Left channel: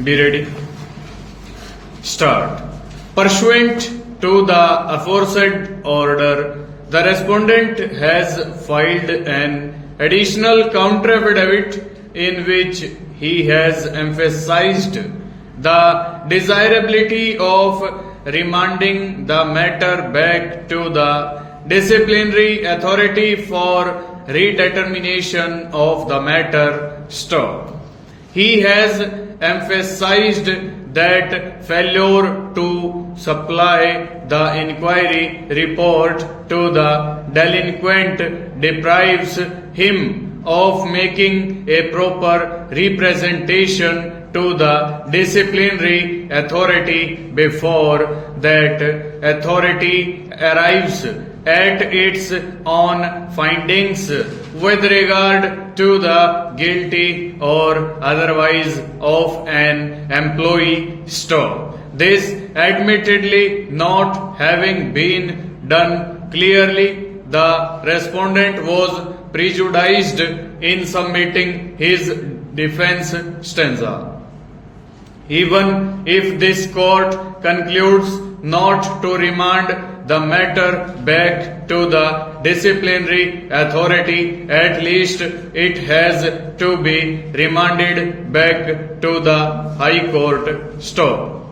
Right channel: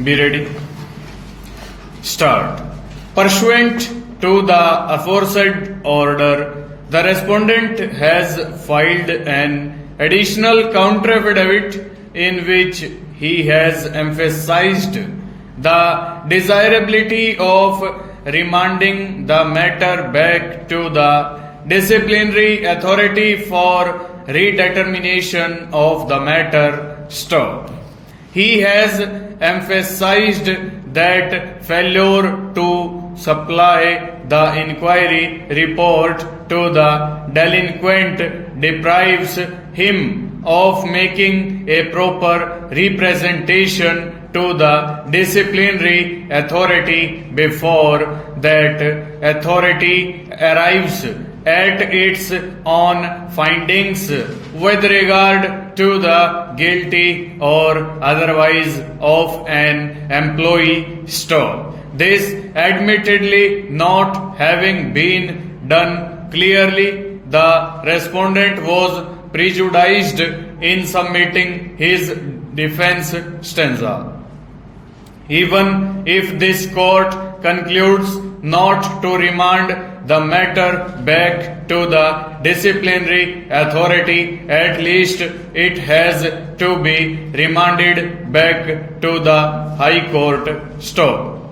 Be ready. Start. Pursuant to the aforesaid order, the respondent has filed an additional counter affidavit in which he has emphasized the desirability of remanding the matter back to the disciplinary authority for redetermination of the matter. Stop. He has emphasized that failure to supply the inquiry report to the delinquent deprives him of making a proper representation to the disciplinary authority before that authority arrives at its own findings with regard to the guilty or otherwise of an employee. Stop. This admittedly not having been done clearly, the respondent was prejudiced in submitting his defense stanza. Even if this court concludes not to remand the matter back to the disciplinary authority, at least it has to be remanded back to the High Court. Stop.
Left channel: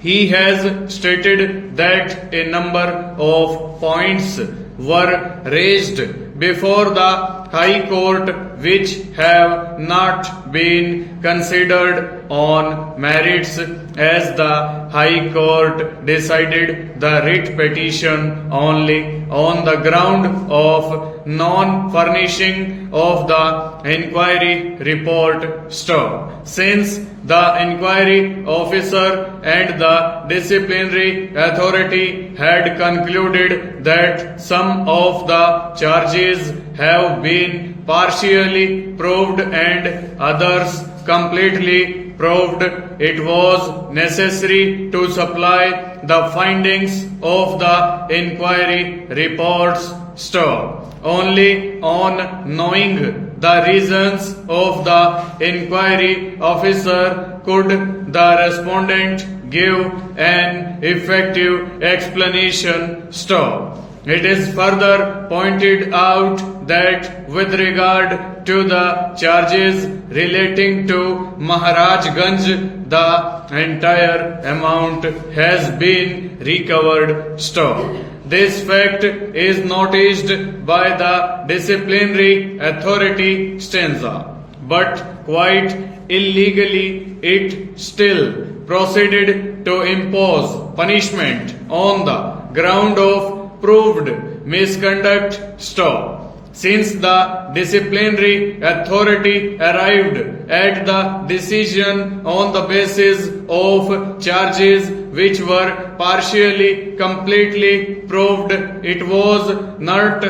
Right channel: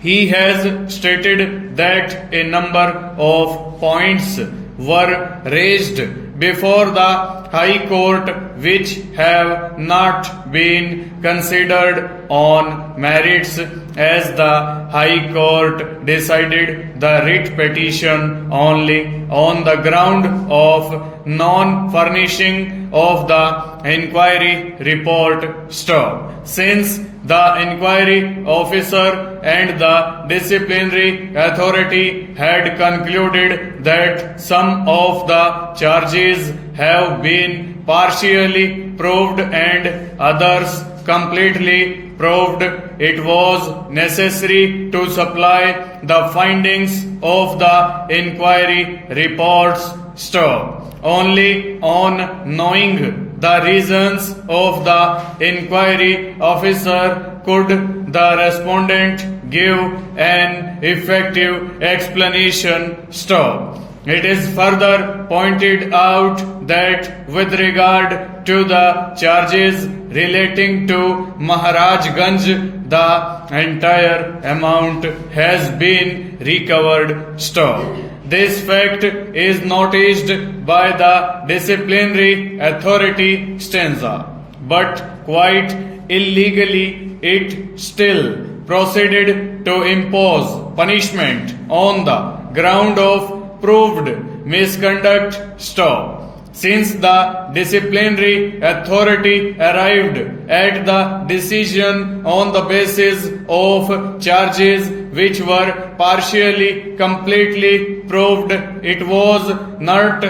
He has stated that a number of points were raised before the High Court which have not been considered on merits, as the High Court decided the writ petition only on the ground of non-furnishing of the inquiry report. Stop. Since the inquiry officer and the disciplinary authority had concluded that some of the charges have been partially proved and others completely proved, it was necessary to supply the findings of the inquiry reports. Stop. Only on knowing the reasons of the inquiry officer could the respondent give an effective explanation. Stop. It is further pointed out that with regard to the charges relating to Maharajganj, the entire amount has been recovered. Stop. This fact is noticed by the disciplinary authority stanza, but quite illegally it still proceeded to impose punishment on the ground of proved misconduct. Stop. Since the disciplinary authority arrived at the decision on the basis of charges which were partially completely proved, it was not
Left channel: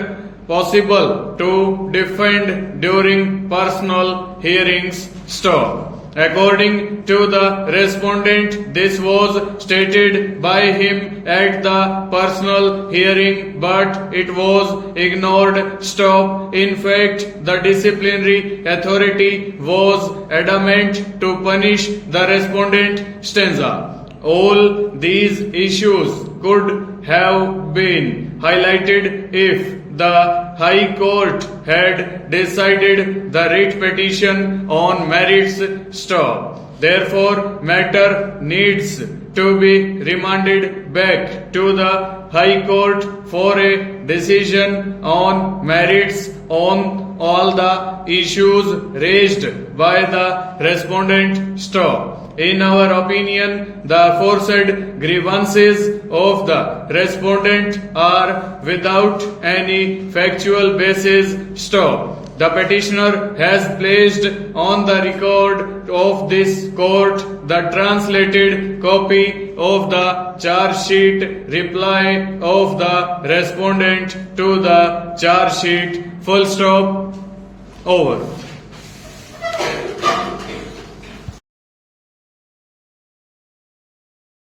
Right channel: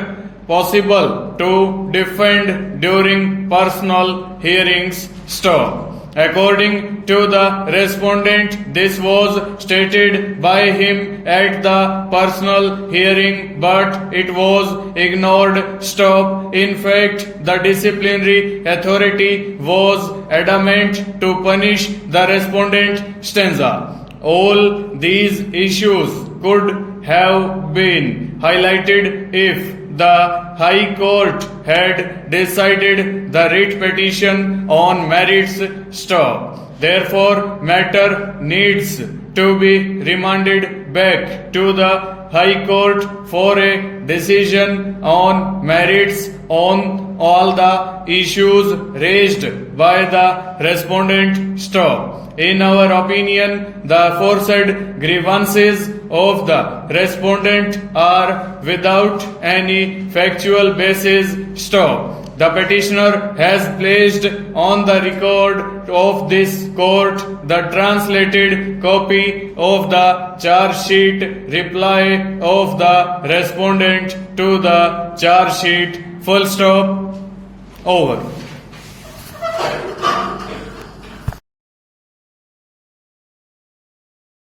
possible to defend during personal hearings. Stop. According to the respondent, this was stated by him at the personal hearing, but it was ignored. Stop. In fact, the disciplinary authority was adamant to punish the respondent. Stanza. All these issues could have been highlighted if the High Court had decided the writ petition on merits. Stop. Therefore, matter needs to be remanded back to the High Court for a decision on merits on all the issues raised by the respondent. Stop. In our opinion, the aforesaid grievances of the respondent are without any factual basis. Stop. The petitioner has placed on the record of this court the translated copy of the charge sheet reply of the respondent to the charge sheet. Full stop. Over.